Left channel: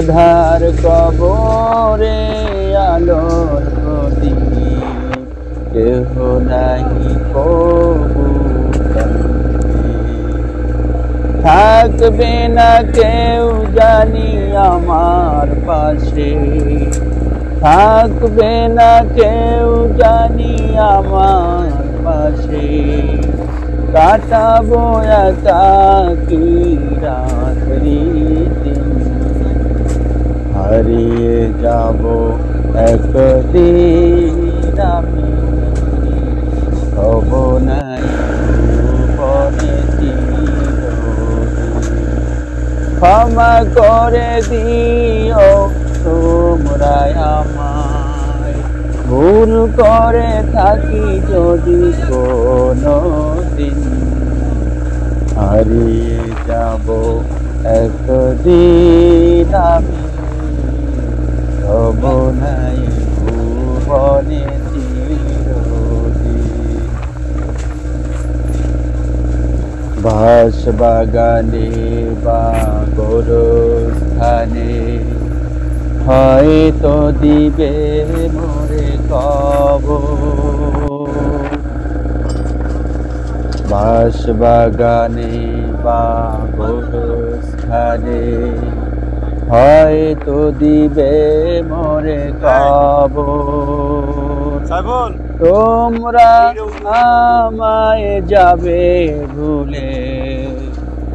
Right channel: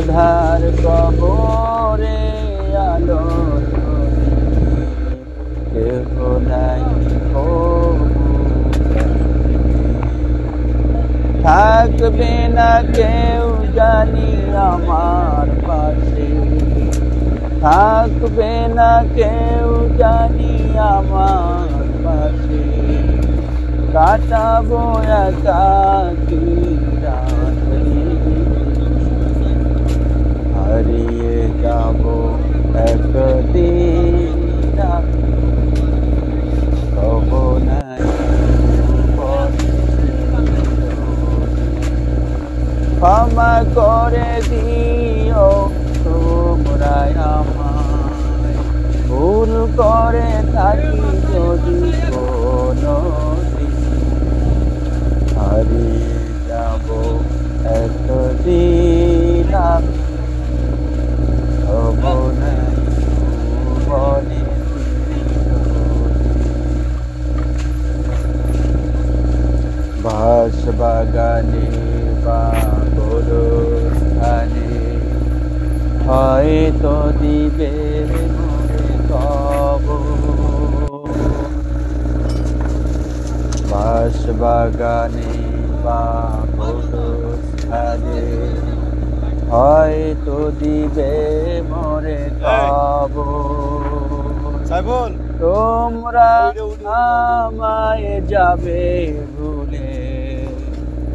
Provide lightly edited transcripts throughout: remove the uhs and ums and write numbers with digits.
আধার কবরে আলোর প্রদীপ কেহ নাই কবু থাকবে না কেউ জানি আমার পাশে, থাকবে না কেউ জানি আমার পাশে, কাটাবো একাকী রাত্রি, হারিয়ে যাব একদিন আমি, হব নাই ক্ষমা করে দিও তোমরা আমায়, ভুল করে থাকি যদি কোনো দিন, হারিয়ে যাব একদিন আমি, হব নাই ভুবনে বাস বাগানে বা গোরস্থানে হয়তো দিবে মোরে খবর, বাস বাগানে বা গোরস্থানে হয়তো দিবে মোরে খবর, তোমরা আমায় যাবে ভুলে,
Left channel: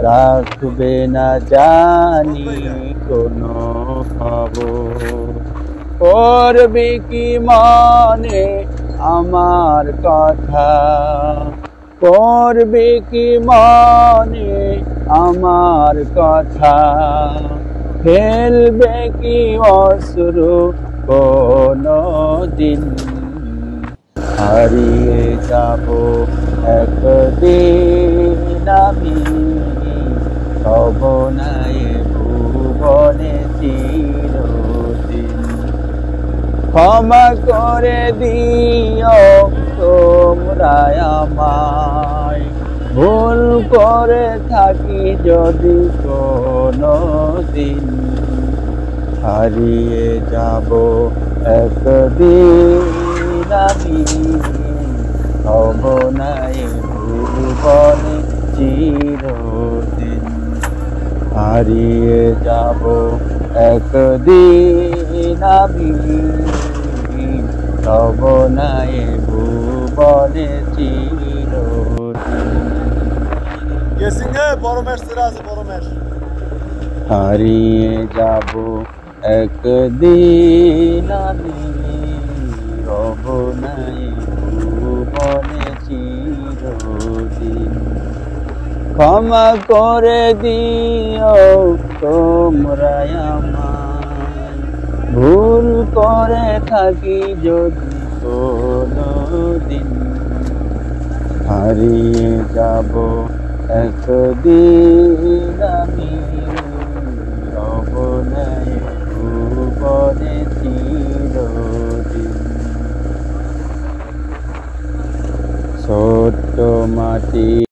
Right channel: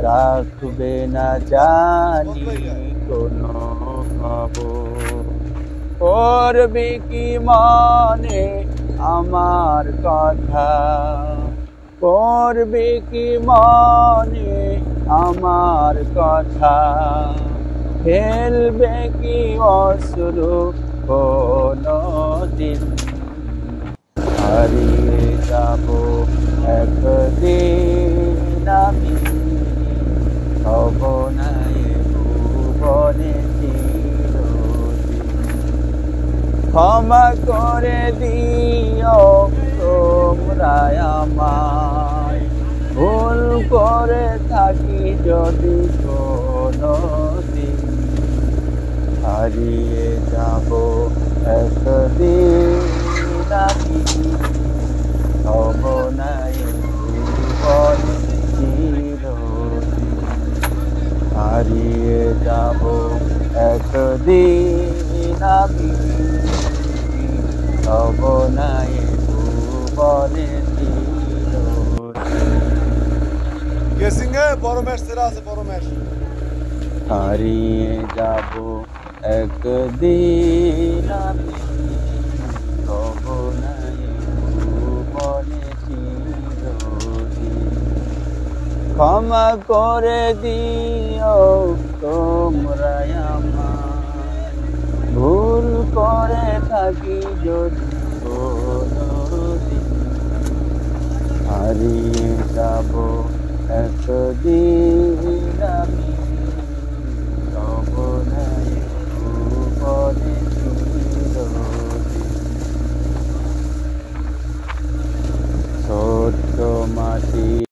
রাখবে না জানি কোনো খবর, করবে কি মনে আমার কথা, করবে কি মনে আমার কথা, ফেলবে কি অশ্রু কোনো দিন, হারিয়ে যাব একদিন আমি, হব নাই ভুবনে চিরদিন, ক্ষমা করে দিও তোমরা আমায়, ভুল করে থাকি যদি কোনো দিন, হারিয়ে যাব একদিন আমি, হব নাই ভুবনে চিরদিন, হারিয়ে যাব একদিন আমি, হব নাই ভুবনে চিরদিন। গেসিংয়ে বড় ম্যাচ সেরা আছে, বড় ম্যাচ, হারিয়ে যাব একদিন আমি, হব নাই ভুবনে চিরদিন, ক্ষমা করে দিও তোমরা আমায়, ভুল করে থাকি যদি কোনো দিন, হারিয়ে যাব একদিন আমি,